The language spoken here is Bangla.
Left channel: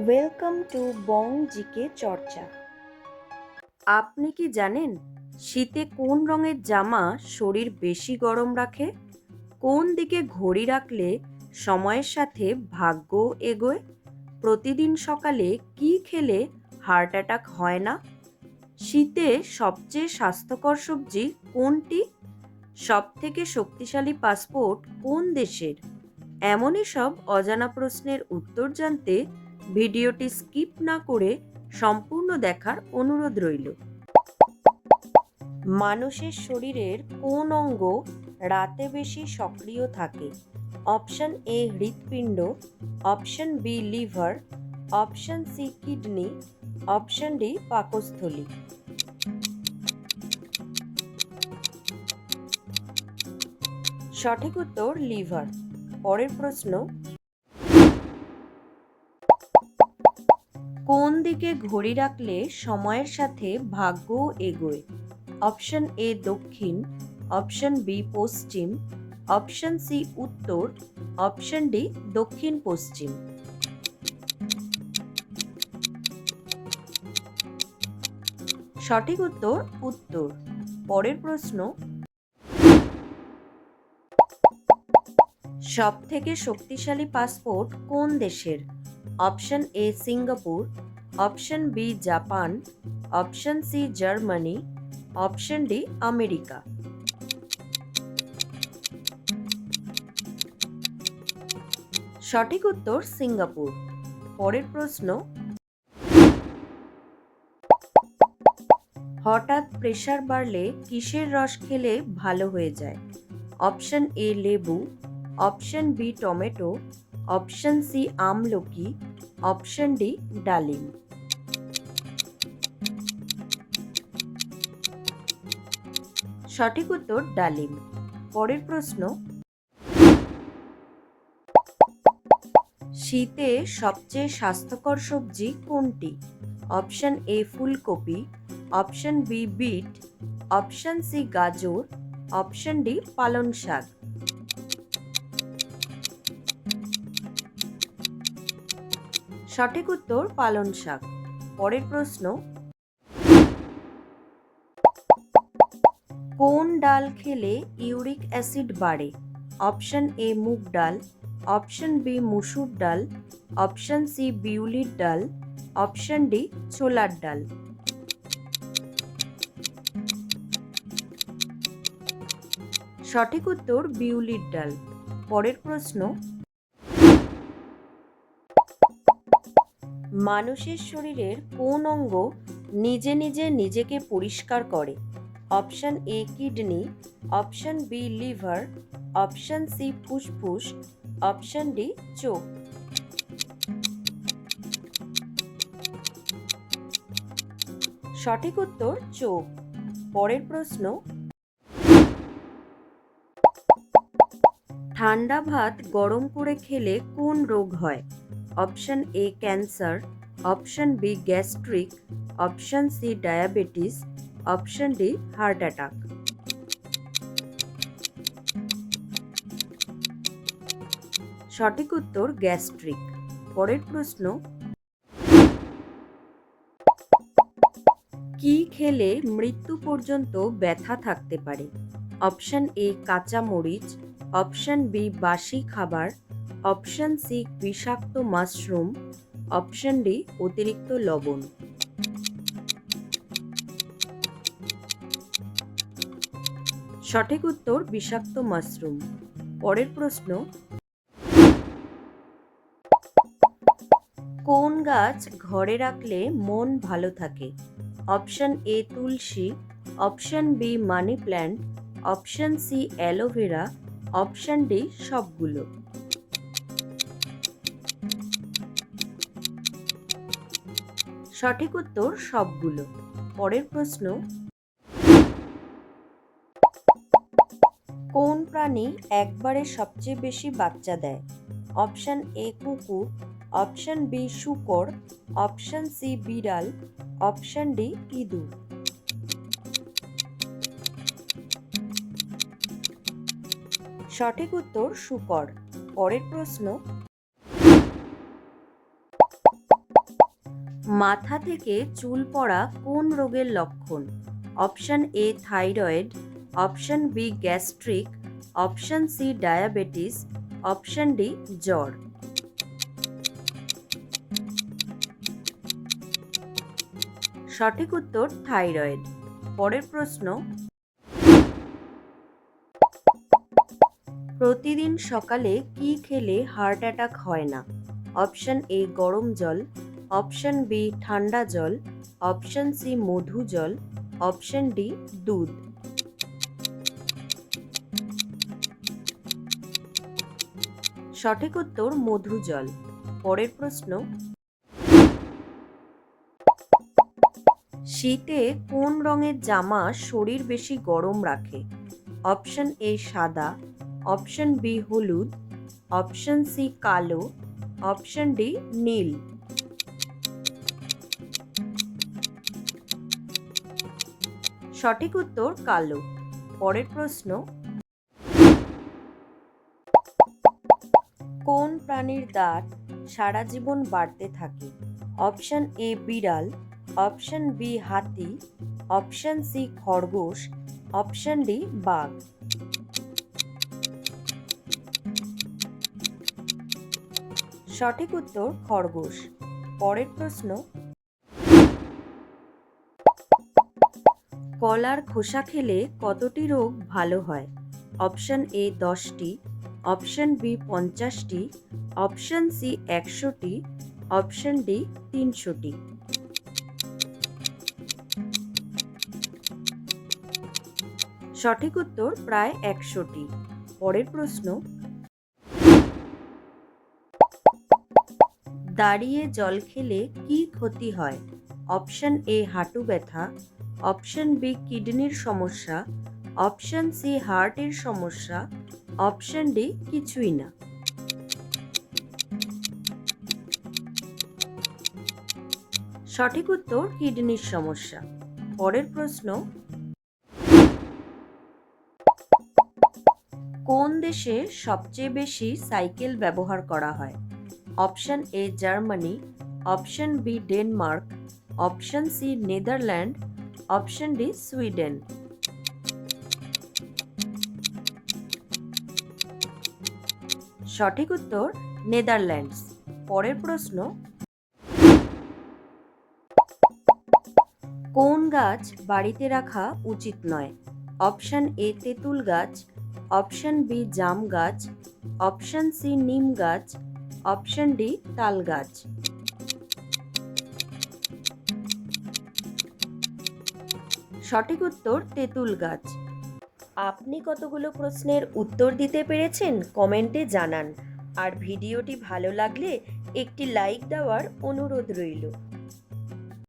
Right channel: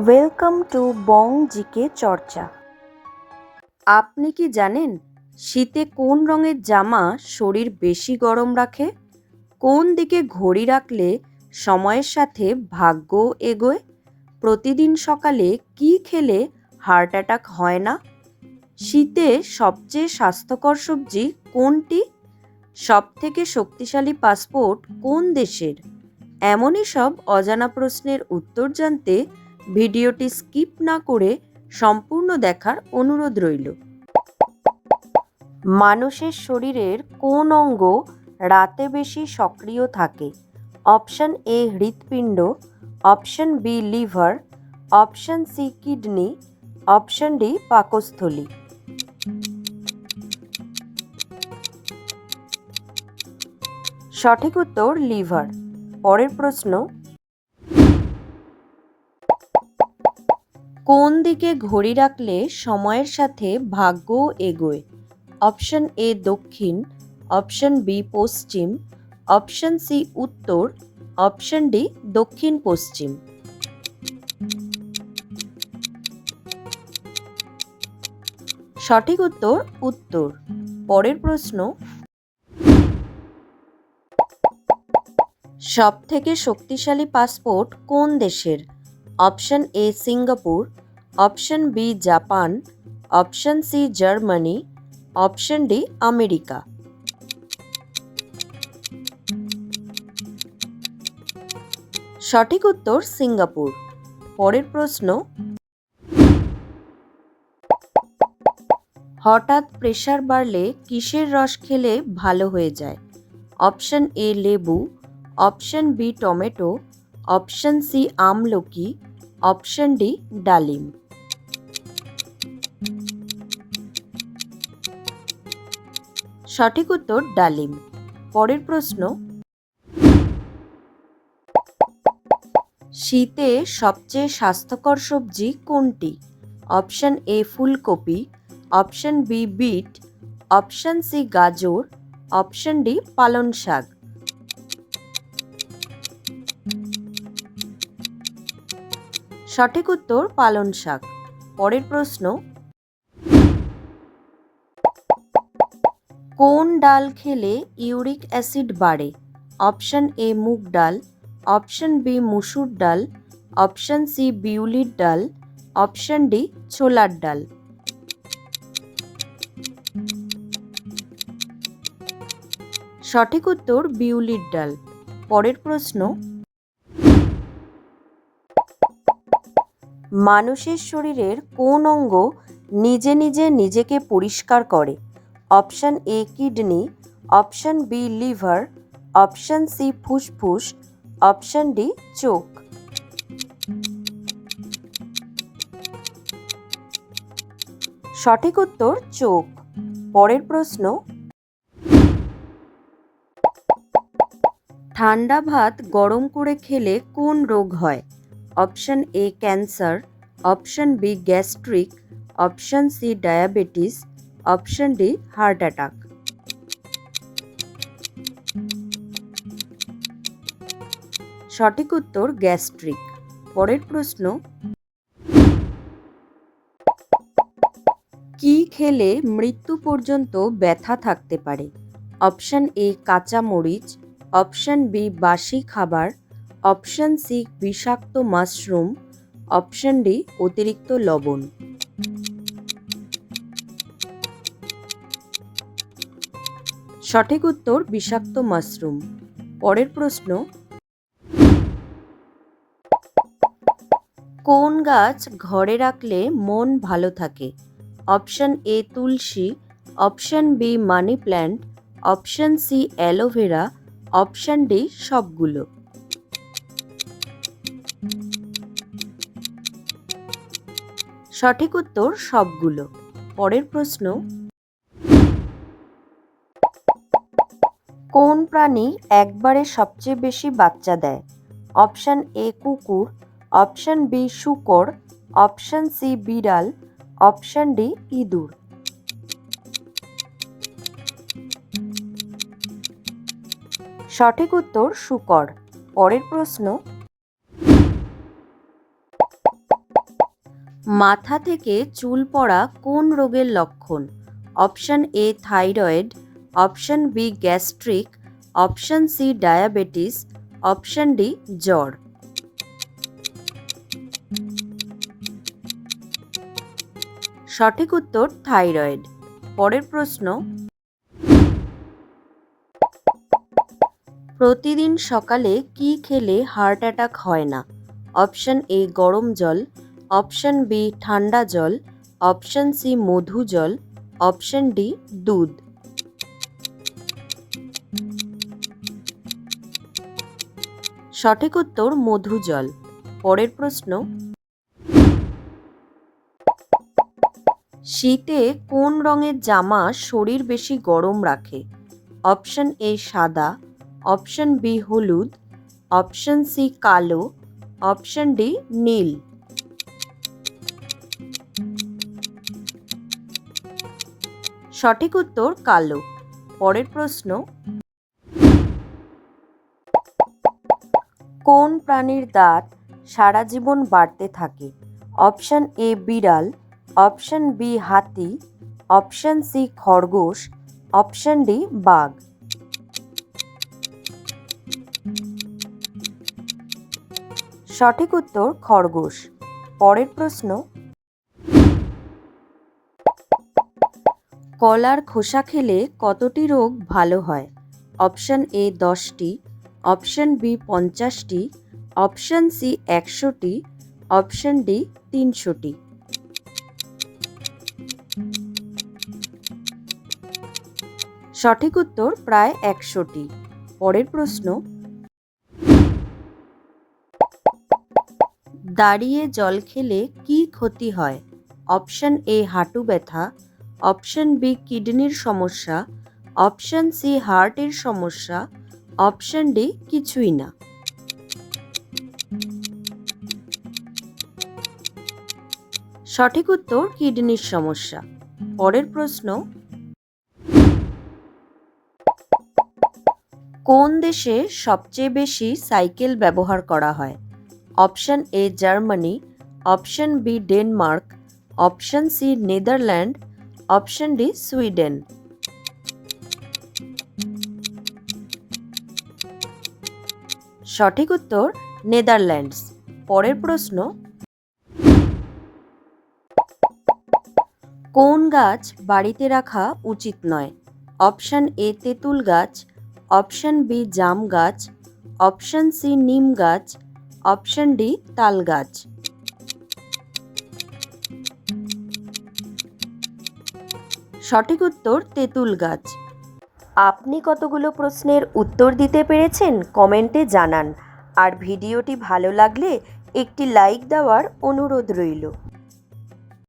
ওয়েলকাম টু বং জিকে চর্চা। আপনি কি জানেন শীতে কোন রঙের জামা শরীর বেশি গরম রাখে? কোন দিকে ঘড়ি রাখলে সময়ের সাথে ভাগ্য এগোয়? প্রতিদিন সকালে কি খেলে হার্ট অ্যাটাক হয় না? শীতে সবচেয়ে স্বাস্থ্যকর সবজি কোনটি? সবথেকে শক্তিশালী পাসপোর্ট কোন দেশের? এমনই সব অজানা প্রশ্নের উত্তর জানতে ভিডিওটি স্কিপ না করে সম্পূর্ণ দেখার অনুরোধ রইল। মানুষের শরীরের কোন অঙ্গ রাতে বেশি সক্রিয় থাকে? অপশন এ হৃৎপিণ্ড, option B liver, option C kidney, option D পাকস্থলী। সঠিক উত্তর লিভার। পরের প্রশ্ন, কোন দিকে ঘড়ি রাখলে সময়ের সাথে ভাগ্য এগোয়? অপশন এ দক্ষিণ, অপশন বি পশ্চিম, অপশন সি উত্তর, অপশন ডি দক্ষিণ পশ্চিম। সঠিক উত্তর উত্তর। পরের প্রশ্ন, সব থেকে শক্তিশালী পাসপোর্ট কোন দেশের? Option A Singapore, option B Japan, option C Germany, option D America. সঠিক উত্তর সিঙ্গাপুর। পরের প্রশ্ন, হঠাৎ প্রেশার বাড়লে কিসের রস খেলে ভালো হয়ে যায়? অপশন এ লেবু, option B tomato, option C আমলকি, অপশন ডি ডালিম। সঠিক উত্তর ডালিম। পরের প্রশ্ন, শীতে সবচেয়ে স্বাস্থ্যকর সবজি কোনটি? অপশন এ ফুলকপি, option B beet, option C গাজর, অপশন ডি পালং শাক। সঠিক উত্তর পালং শাক। পরের প্রশ্ন, কোন ডাল খেলে ইউরিক অ্যাসিড বাড়ে? অপশন এ মুগ ডাল, অপশন বি মুসুর ডাল, অপশন সি বিউলির ডাল, অপশন ডি ছোলার ডাল। সঠিক উত্তর বিউলির ডাল। পরের প্রশ্ন, মানুষের শরীরের কোন অঙ্গ নিজে নিজে নিজেকে পরিষ্কার করে? Option A kidney, option B liver, option C ফুসফুস, অপশন ডি চোখ। সঠিক উত্তর চোখ। পরের প্রশ্ন, ঠান্ডা ভাত গরম করে খেলে কোন রোগ হয়? Option A cancer, option B gastric, option C diabetes, option D heart attack. সঠিক উত্তর গ্যাস্ট্রিক। পরের প্রশ্ন, কি খেলে মৃত্যু পর্যন্ত ব্যথা থাকতে পারে? অপশন এ কাঁচা মরিচ, অপশন বি বাসি খাবার, অপশন সি বিষাক্ত মাশরুম, অপশন ডি অতিরিক্ত লবণ। সঠিক উত্তর বিষাক্ত মাশরুম। পরের প্রশ্ন, কোন গাছ ঘরে রাখলে মন ভালো থাকে? অপশন এ তুলসী, option B money plant, option C aloe vera, option D সবগুলো। সঠিক উত্তর সবগুলো। পরের প্রশ্ন, কোন প্রাণী একবারে সবচেয়ে বেশি বাচ্চা দেয়? অপশন এ কুকুর, অপশন বি শূকর, অপশন সি বিড়াল, অপশন ডি ইঁদুর। সঠিক উত্তর শূকর। পরের প্রশ্ন, মাথা থেকে চুল পড়া কোন রোগের লক্ষণ? Option A thyroid, option B gastric, option C diabetes, option D জ্বর। সঠিক উত্তর থাইরয়েড। পরের প্রশ্ন, প্রতিদিন সকালে কি খেলে হার্ট অ্যাটাক হয় না? অপশন এ গরম জল, অপশন বি ঠান্ডা জল, অপশন সি মধু জল, অপশন ডি দুধ। সঠিক উত্তর মধু জল। পরের প্রশ্ন, শীতে কোন রঙের জামা শরীর বেশি গরম রাখে? অপশন এ সাদা, অপশন বি হলুদ, অপশন সি কালো, অপশন ডি নীল। সঠিক উত্তর কালো। পরের প্রশ্ন, কোন প্রাণীর দাঁত সারা জীবন বাড়তে থাকে? অপশন এ বিড়াল, অপশন বি হাতি, অপশন সি খরগোশ, অপশন ডি বাঘ। সঠিক উত্তর খরগোশ। পরের প্রশ্ন, কলার খোসা খেলে কতটি রোগ ভালো হয়? অপশন এ 10টি, অপশন বি 50টি, অপশন সি 100টি, অপশন ডি 300টি। সঠিক উত্তর প্রায় 100টি। পরের প্রশ্ন, দাঁড়িয়ে জল খেলে কি ক্ষতি হয়? অপশন এ হাঁটু ব্যথা, অপশন বি কিডনির সমস্যা, অপশন সি হার্টের সমস্যা, অপশন ডি কিছুই না। সঠিক উত্তর কিডনির সমস্যা। পরের প্রশ্ন, কোন দেশে সবচেয়ে বেশি সাইকেল ব্যবহার করা হয়? Option A Germany, option B Denmark, option C Netherland, option D Sweden. সঠিক উত্তর নেদারল্যান্ডস। পরের প্রশ্ন, কোন গাছ বাড়িতে রাখা উচিত নয়? অপশন এ তেঁতুল গাছ, অপশন বি জাম গাছ, অপশন সি নিম গাছ, অপশন ডি তাল গাছ। সঠিক উত্তর তেঁতুল গাছ। আপনি কতগুলো প্রশ্নের উত্তর দিতে পেরেছেন কমেন্টে জানান। আর ভিডিওটি ভালো লাগলে একটি লাইক দেওয়ার অনুরোধ রইল।